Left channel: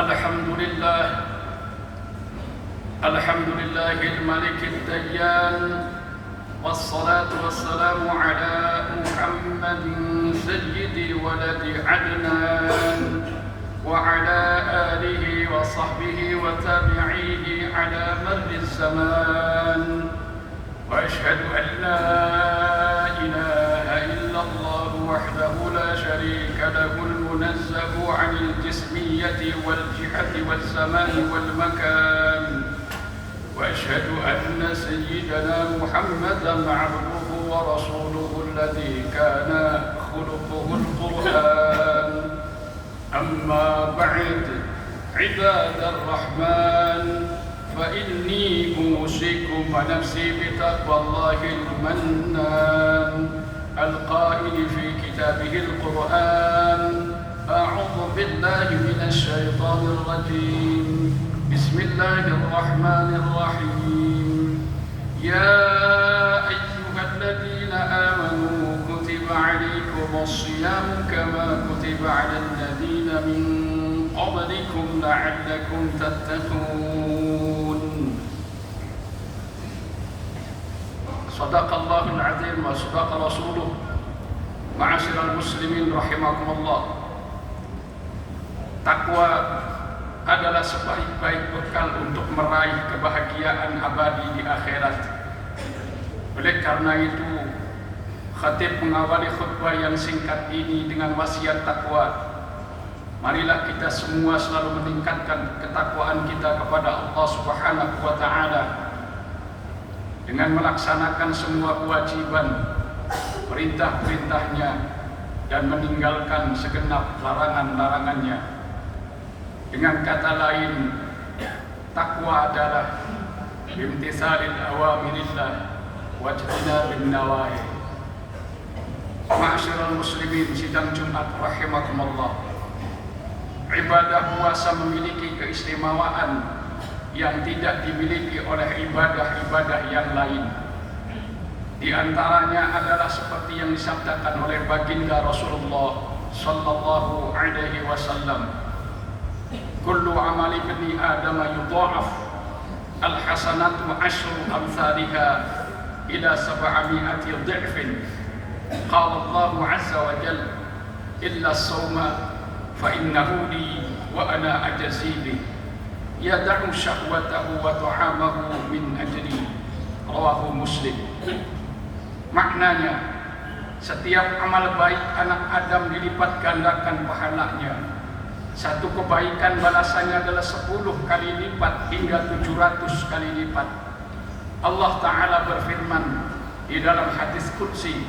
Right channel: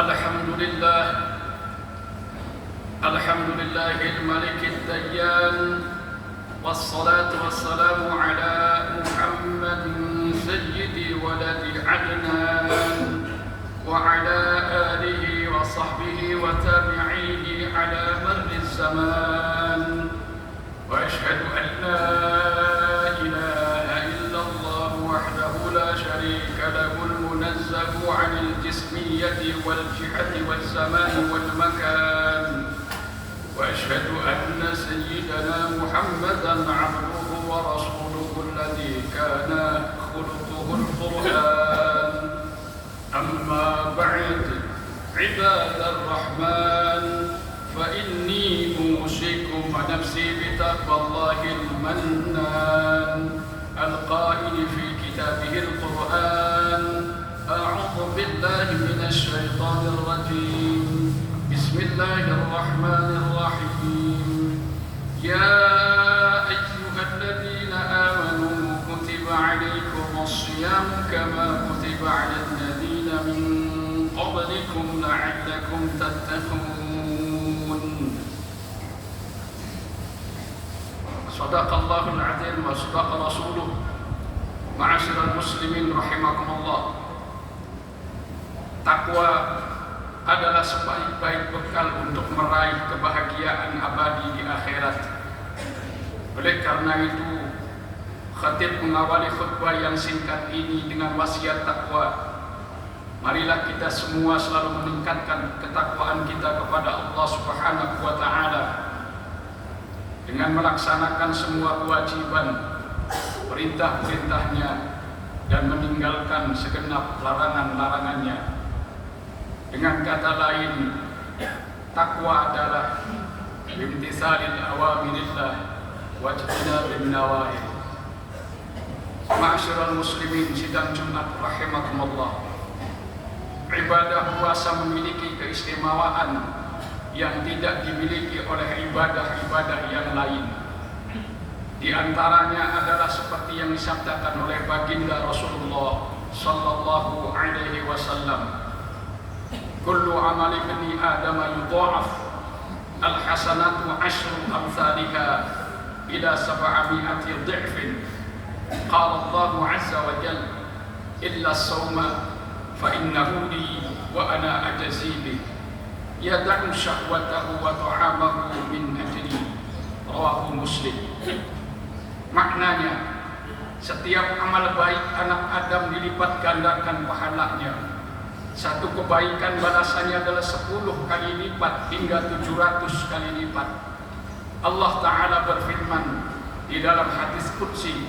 Alhamdulillah, Alhamdulillah al-Malik al-Dayyan, wassalatu wassalamu ala Muhammadin sayyidi waladi Adnan, wa ala alihi wa sahbihi wa tabi'ihi ala marri zaman. Wa ashhadu an la ilaha illallah wahdahu la sharika lahu al-munazzahu 'anil jismiyyati wal jihati wal zamani wal makan. Wa ashhadu anna sayyidana Muhammadan 'abduhu wa rasuluhu alladhi kana khuluquhu al-Qur'an. Amma ba'd, ibadar rahman, فإني أوصيكم ونفسي بتقوى الله المنان القائل في كتابه القرآن: أعوذ بالله من الشيطان الرجيم، بسم الله الرحمن الرحيم. يا أيها الذين آمنوا كتب عليكم الصيام كما كتب على الذين من قبلكم لعلكم تتقون. صدق الله العظيم وصدق رسوله. Ma'asyiral muslimin rahimakumullah. Takwa adalah sebaik-baik bekal untuk meraih kebahagiaan abadi di akhirat. Oleh karena itu, khatib mengawali khutbah yang singkat ini dengan wasiat takwa. Marilah kita semua selalu meningkatkan ketakwaan kita kepada Allah Subhanahu wa Ta'ala dengan melaksanakan semua kewajiban, perintah-perintahnya, dan meninggalkan segenap larangan-larangannya. Dengan kata lain, takwa adalah bimtisalil awamirillah wajtinabin nawahi. Ma'asyiral muslimin sidang Jumat rahimakumullah. Ibadah puasa memiliki keistimewaan yang tidak dimiliki oleh ibadah-ibadah yang lain. Di antaranya adalah seperti yang disabdakan oleh baginda Rasulullah sallallahu alaihi wasallam: kullu amali bani Adam yudha'af, al-hasanatu asyru amsalha ila 700 dhifin. Qala Allah azza wa jalla: illa as-sawma fa innahu li wa ana ajzi bih, yad'u syahwatahu wa ta'amahu min ajli. Rawahu Muslim. Maknanya, setiap amal baik anak Adam dilipat gandakan pahalanya. Satu kebaikan balasannya adalah 10 kali lipat hingga 700 kali lipat. Allah Ta'ala berfirman di dalam hadis qudsi,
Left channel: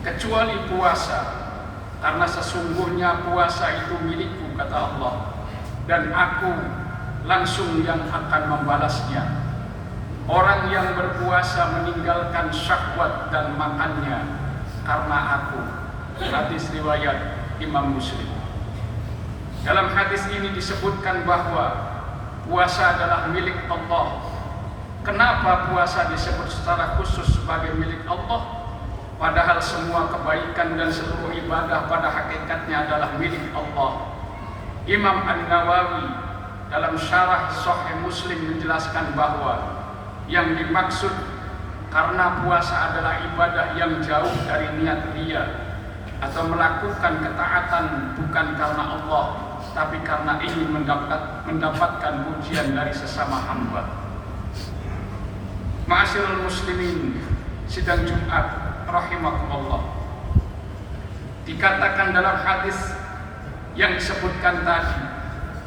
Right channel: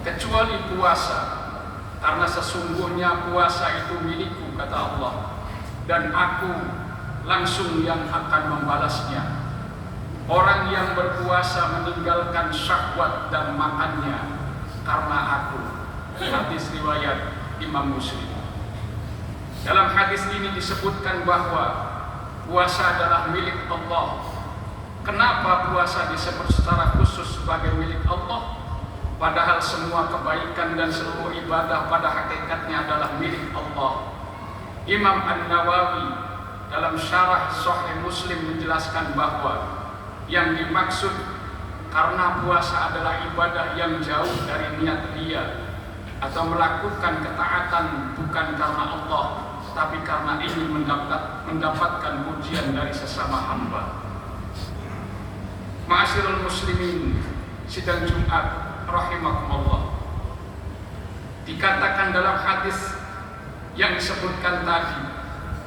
kecuali puasa, karena sesungguhnya puasa itu milikku, kata Allah, dan aku langsung yang akan membalasnya. Orang yang berpuasa meninggalkan syahwat dan makannya karena aku. Hadis riwayat Imam Muslim. Dalam hadis ini disebutkan bahwa puasa adalah milik Allah. Kenapa puasa disebut secara khusus sebagai milik Allah? Padahal semua kebaikan dan seluruh ibadah pada hakikatnya adalah milik Allah. Imam An-Nawawi dalam syarah Sahih Muslim menjelaskan bahwa yang dimaksud karena puasa adalah ibadah yang jauh dari niat dia atau melakukan ketaatan bukan karena Allah, tapi karena ingin mendapatkan pujian dari sesama hamba. Ma'asyiral muslimin sidang Jumat rahimakumullah. Dikatakan dalam hadis yang disebutkan tadi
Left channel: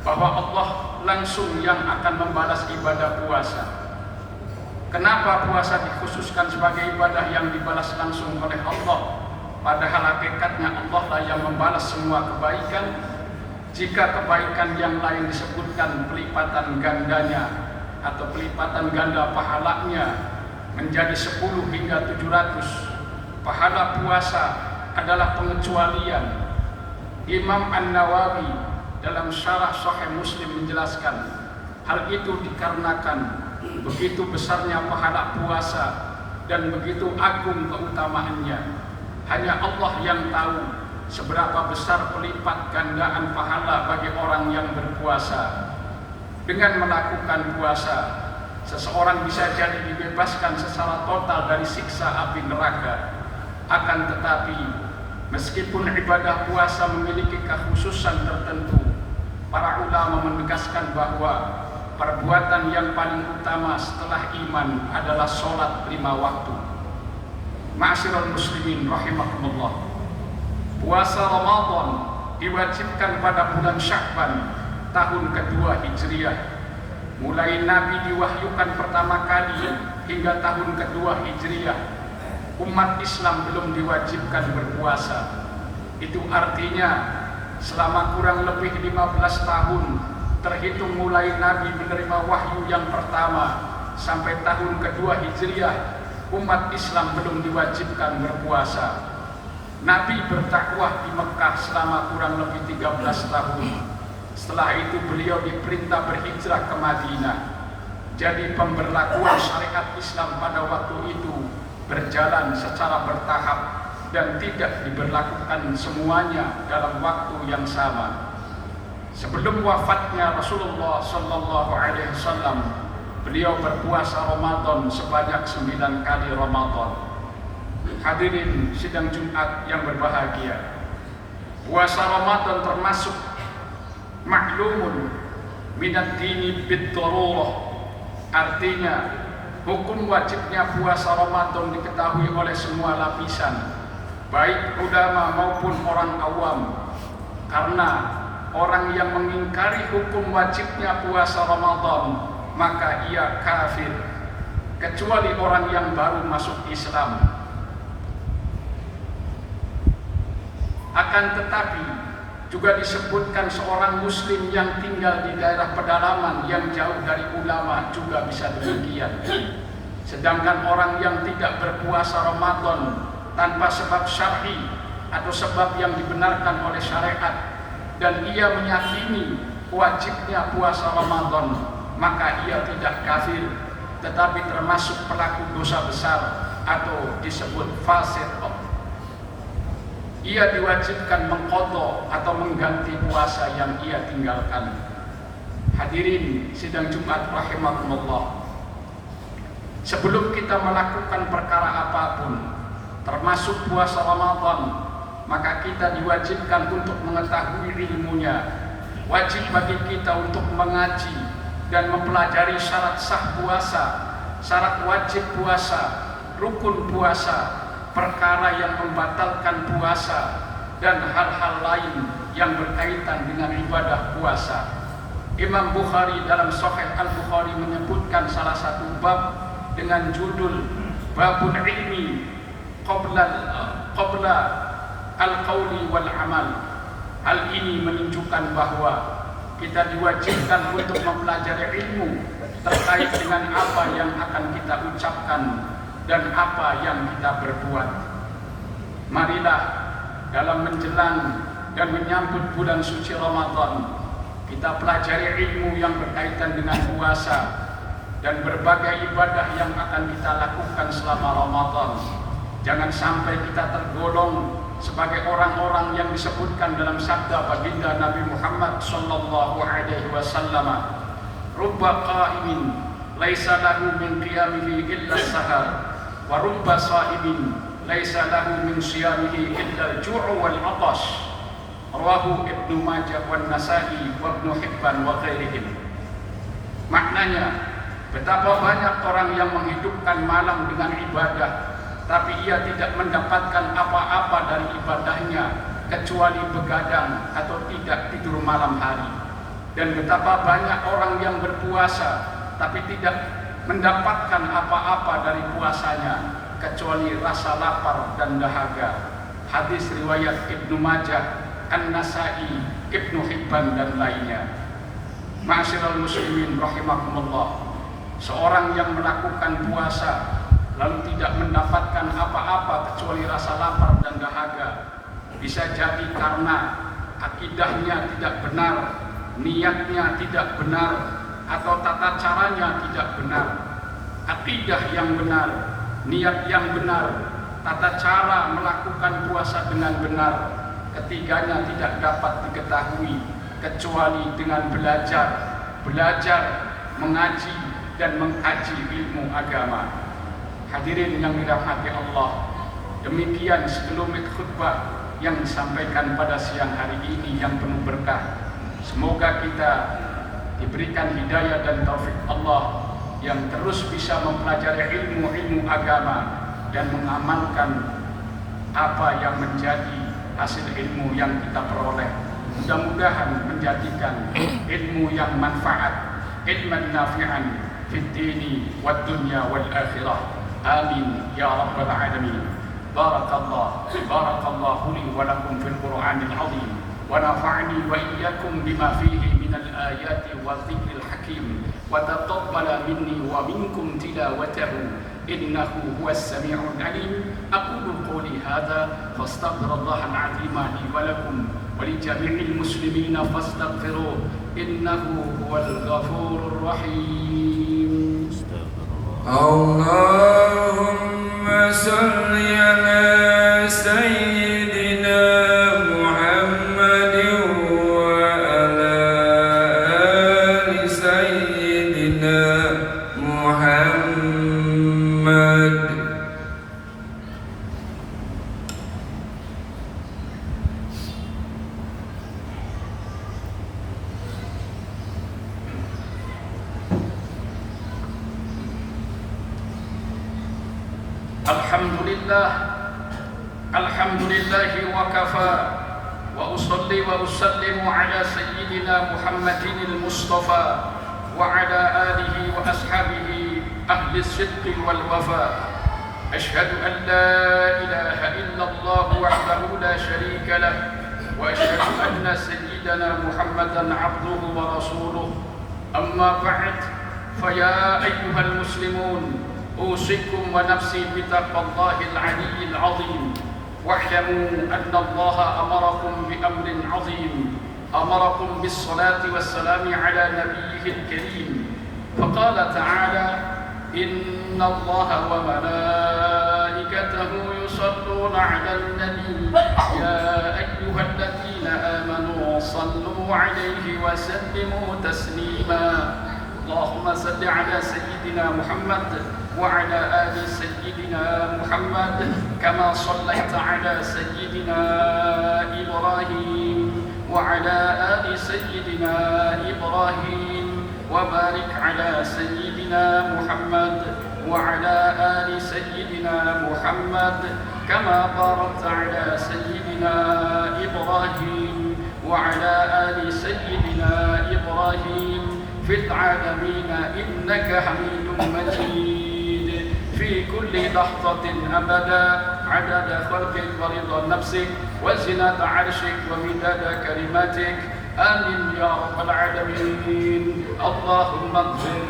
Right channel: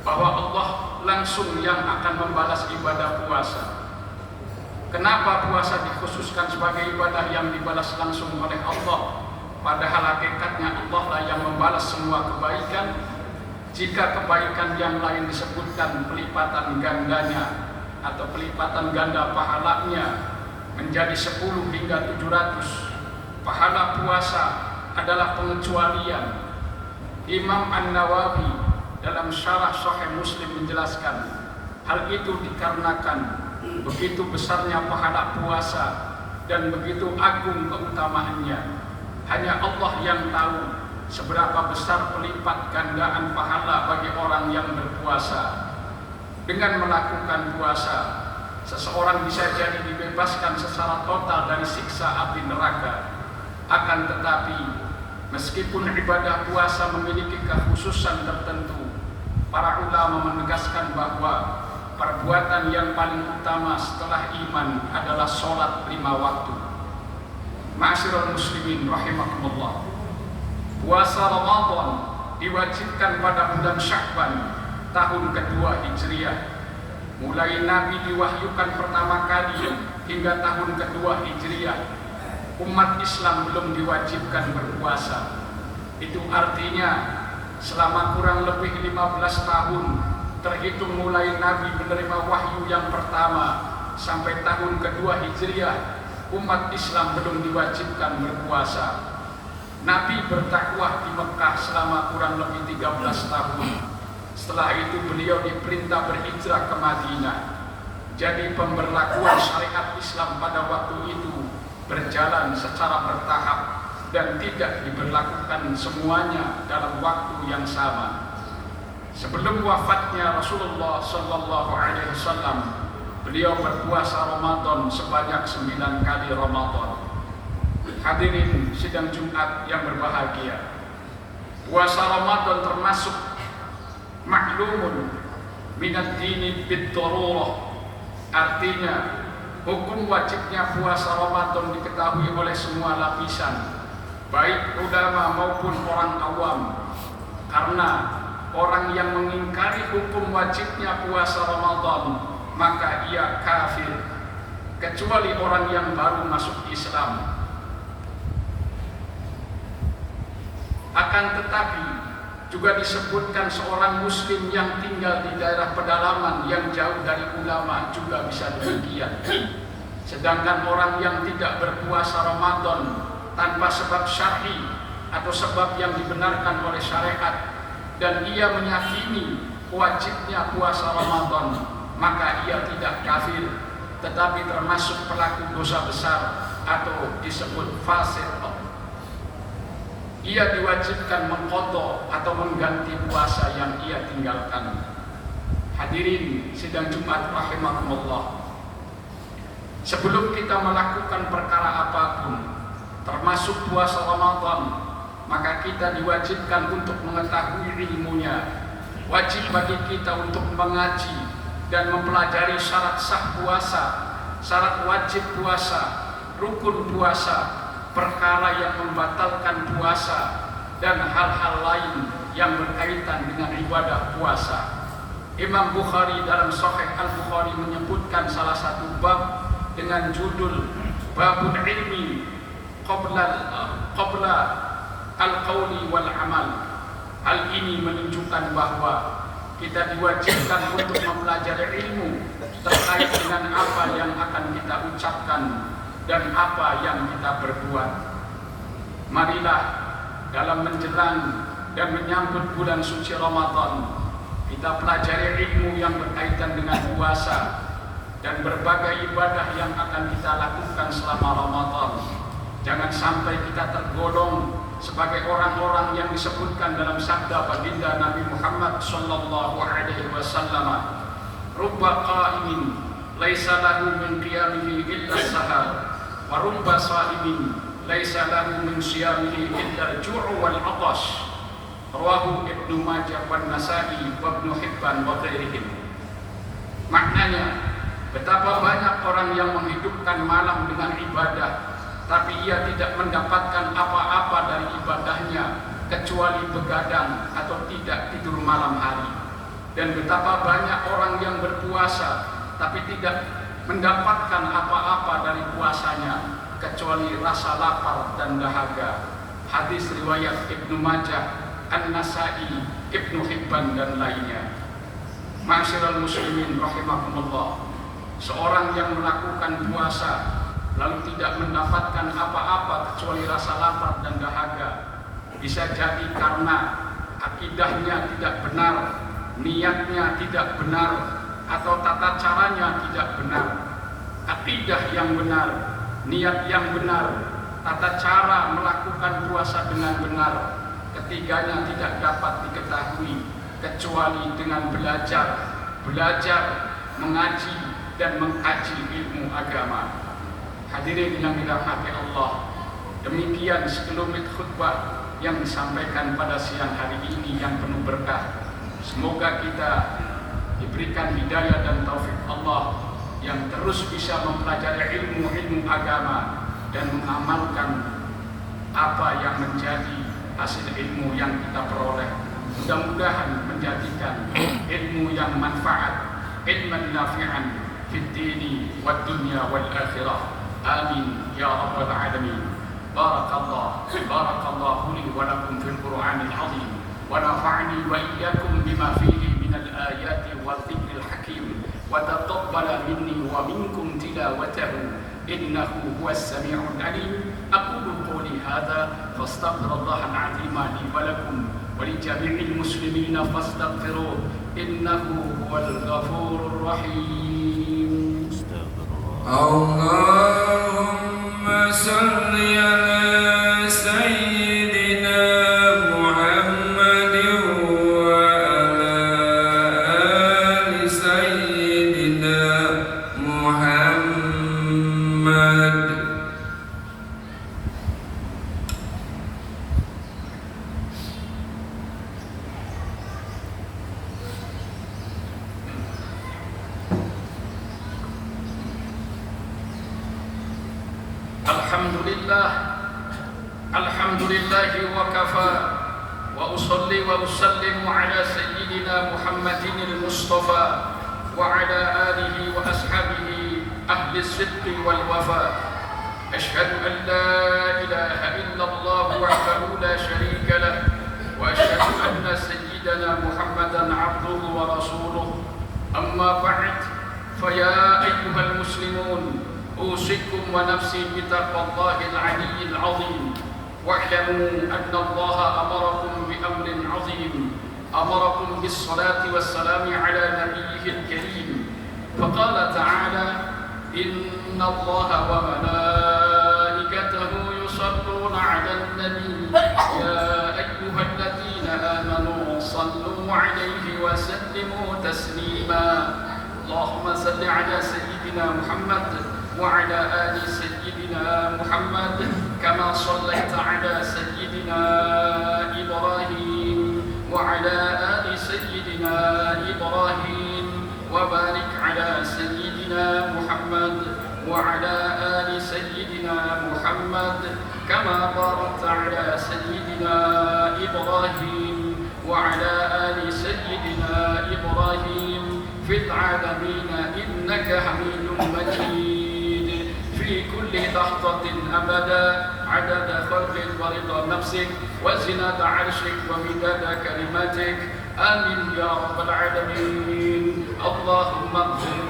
bahwa Allah langsung yang akan membalas ibadah puasa. Kenapa puasa dikhususkan sebagai ibadah yang dibalas langsung oleh Allah? Padahal hakikatnya Allah lah yang membalas semua kebaikan. Jika kebaikan yang lain disebutkan pelipatan gandanya atau pelipatan ganda pahalanya menjadi 10 hingga 700, pahala puasa adalah pengecualian. Imam An-Nawawi dalam syarah Sahih Muslim menjelaskan hal itu dikarenakan begitu besarnya pahala puasa dan begitu agung keutamaannya. Hanya Allah yang tahu seberapa besar pelipat gandaan pahala bagi orang yang berpuasa berpuasa. Dengan melakukan puasa, seseorang bisa jadi dibebaskan secara total dari siksa api neraka. Akan tetapi, meskipun ibadah puasa memiliki kekhususan tertentu, para ulama menegaskan bahwa perbuatan yang paling utama setelah iman adalah sholat 5 waktu. Ma'asyiral muslimin rahimakumullah. Puasa Ramadan diwajibkan pada bulan Sya'ban tahun kedua Hijriah. Mulai Nabi diwahyukan pertama kali hingga tahun kedua Hijriah, umat Islam belum diwajibkan berpuasa. Itu artinya selama kurang lebih 15 tahun terhitung mulai Nabi menerima wahyu yang pertama sampai tahun kedua Hijriah, umat Islam belum diwajibkan berpuasa. Nabi berdakwah di Mekah selama kurang lebih 13 tahun. Setelah itu beliau diperintah berhijrah ke Madinah. Jadi pemberlakuan syariat Islam pada waktu itu berjalan secara bertahap dan tidak diberlakukan semuanya dalam waktu yang sama. Sebelum wafatnya Rasulullah Sallallahu Alaihi Wasallam, beliau berpuasa Ramadan sebanyak 9 kali Ramadan. Hadirin sidang Jumat yang berbahagia, puasa Ramadan termasuk maklumun minad dini bid-darurah. Artinya hukum wajibnya puasa Ramadan diketahui oleh semua lapisan, baik ulama maupun orang awam. Karena orang yang mengingkari hukum wajibnya puasa Ramadan, maka ia kafir, kecuali orang yang baru masuk Islam. Akan tetapi juga disebutkan seorang muslim yang tinggal di daerah pedalaman yang jauh dari ulama juga bisa demikian. Sedangkan orang yang tidak berpuasa Ramadan tanpa sebab syar'i atau sebab yang dibenarkan oleh syariat, dan ia meyakini wajibnya puasa Ramadan, maka ia tidak kafir, tetapi termasuk pelaku dosa besar atau disebut fasik. Ia diwajibkan mengqadha atau mengganti puasa yang ia tinggalkan. Hadirin sidang Jumat rahimakumullah. Sebelum kita melakukan perkara apapun, termasuk puasa Ramadan, maka kita diwajibkan untuk mengetahui ilmunya. Wajib bagi kita untuk mengaji dan mempelajari syarat sah puasa, syarat wajib puasa, rukun puasa, perkara yang membatalkan puasa, dan hal-hal lain yang berkaitan dengan ibadah puasa. Imam Bukhari dalam Sahih Al-Bukhari menyebutkan salah satu bab dengan judul Babul Ilmi Qabla Al-Qawli wal Amal. Hal ini menunjukkan bahwa kita diwajibkan untuk mempelajari ilmu terkait dengan apa yang akan kita ucapkan dan apa yang kita berbuat. Marilah dalam menjelang dan menyambut bulan suci Ramadan, kita pelajari ilmu yang berkaitan dengan puasa dan berbagai ibadah yang akan kita lakukan selama Ramadan. Jangan sampai kita tergolong sebagai orang-orang yang disebutkan dalam sabda baginda Nabi Muhammad sallallahu alaihi wasallam, "Rubba qa'imin laisa lahu min qiyamihi illa sahar, wa rubba sha'imin laisa lahu min siyamihi illa al-ju' wal 'atash." Rawahu Ibnu Majah wan Nasa'i wa Ibnu Hibban wa ghairihim. Maknanya, betapa banyak orang yang menghidupkan malam dengan ibadah, tapi ia tidak mendapatkan apa-apa dari ibadahnya kecuali begadang atau tidak tidur malam hari. Dan betapa banyak orang yang berpuasa tapi tidak mendapatkan apa-apa dari puasanya kecuali rasa lapar dan dahaga. Hadis riwayat Ibnu Majah, An-Nasa'i, Ibnu Hibban dan lainnya. Ma'asyiral muslimin rahimakumullah. Seorang yang melakukan puasa lalu tidak mendapatkan apa-apa kecuali rasa lapar dan dahaga, bisa jadi karena akidahnya tidak benar, niatnya tidak benar, atau tata caranya tidak benar. Akidah yang benar, niat yang benar, tata cara melakukan puasa dengan benar, ketiganya tidak dapat diketahui kecuali dengan belajar mengaji dan mengkaji ilmu agama. Hadirin yang dirahmati Allah, demikian sekelumit khutbah yang disampaikan pada siang hari ini yang penuh berkah. Semoga kita diberikan hidayah dan taufik Allah yang terus bisa mempelajari ilmu-ilmu agama dan mengamalkan apa yang menjadi hasil ilmu yang kita peroleh. Mudah-mudahan menjadikan ilmu yang manfaat, ilman nafi'an fid dini wad dunya wal akhirah. Amin ya rabbal alamin. Barakallahu li wa lakum fil Qur'anil azim wa nafa'ani wa iyyakum bima fihi minal ayati wal dhikril hakim wa taqabbala minni wa minkum tilawatahu innahu huwas sami'ul alim. Aqulu qawli hadha fastaghfirullahal azim li wa lakum wa li jami'il muslimina fastaghfiruhu innahu huwal ghafurur rahim. Allahumma salli ala sayyidina Muhammadin wa ala ali sayyidina Muhammad. Alhamdulillahi wa kafa wa usalli wa usallimu ala sayyidina Muhammadin al-Mustafa wa ala alihi wa ashabihi ahli sidqi wal wafa. Ashhadu an la ilaha illallah wahdahu la sharika lah wa ashhadu anna sayyidina Muhammadan abduhu wa rasuluh. Amma ba'd, fa ya ayyuhal muslimun, أوصيكم ونفسي بتقوى الله العلي العظيم واعلموا أن الله أمركم بأمر عظيم، أمركم بالصلاة والسلام على نبيه الكريم، فقال تعالى: إن الله وملائكته يصلون على النبي يا أيها الذين آمنوا صلوا عليه وسلموا تسليما. اللهم صل على سيدنا محمد وعلى آل سيدنا محمد كما صليت على سيدنا إبراهيم وعلى آل سيدنا إبراهيم وبارك على سيدنا محمد وعلى آل سيدنا محمد كما باركت على سيدنا إبراهيم وعلى آل سيدنا إبراهيم في العالمين إنك حميد مجيد. في كل لحظة أبدا عدد خلقك ورضا نفسك وزنة عرشك ومداد كلماتك. آمين يا رب العالمين. اللهم اغفر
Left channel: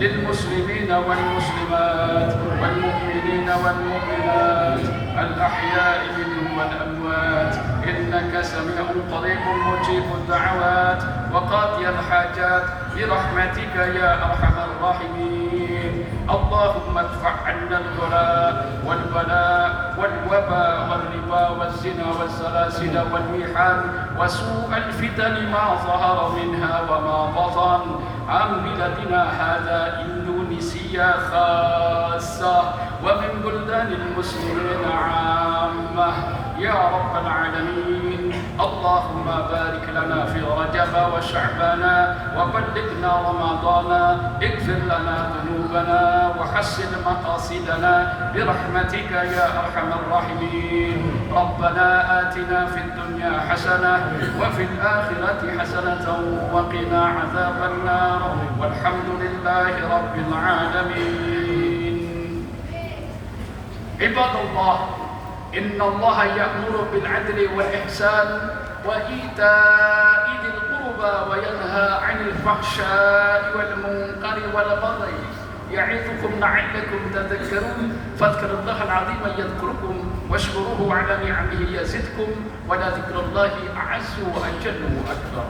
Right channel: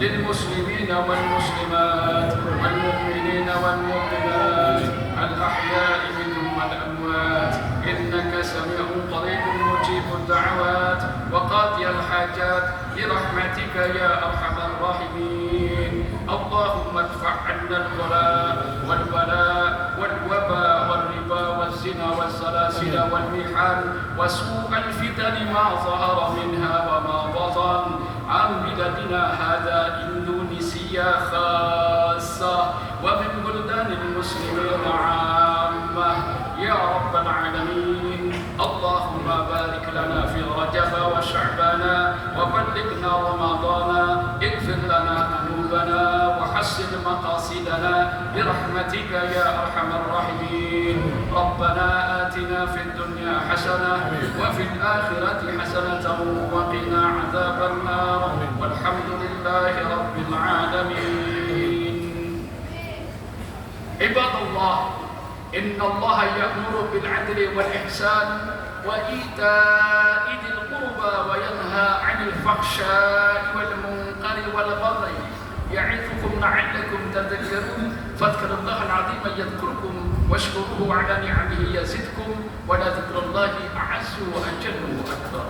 للمسلمين والمسلمات والمؤمنين والمؤمنات الأحياء منهم والأموات إنك سميع قريب مجيب الدعوات وقاضي الحاجات برحمتك يا أرحم الراحمين. اللهم ادفع عنا البلاء والبلاء والوباء والربا والزنا والسلاسل والمحن وسوء الفتن ما ظهر منها وما بطن عن بلدنا هذا إندونيسيا خاصة ومن بلدان المسلمين عامة يا رب العالمين. اللهم بارك لنا في رجب وشعبان وبلغنا رمضان، اغفر لنا ذنوبنا وحسن مقاصدنا برحمتك يا أرحم الراحمين. ربنا آتنا في الدنيا حسنة وفي الآخرة حسنة وقنا عذاب النار والحمد لله رب العالمين. عباد الله، إن الله يأمر بالعدل والإحسان وإيتاء ذي القربى وينهى عن الفحشاء والمنكر والبغي يعظكم لعلكم تذكرون. فاذكروا الله العظيم يذكركم واشكروه على نعمه يزدكم ولذكر الله أعز وأجل وأكبر.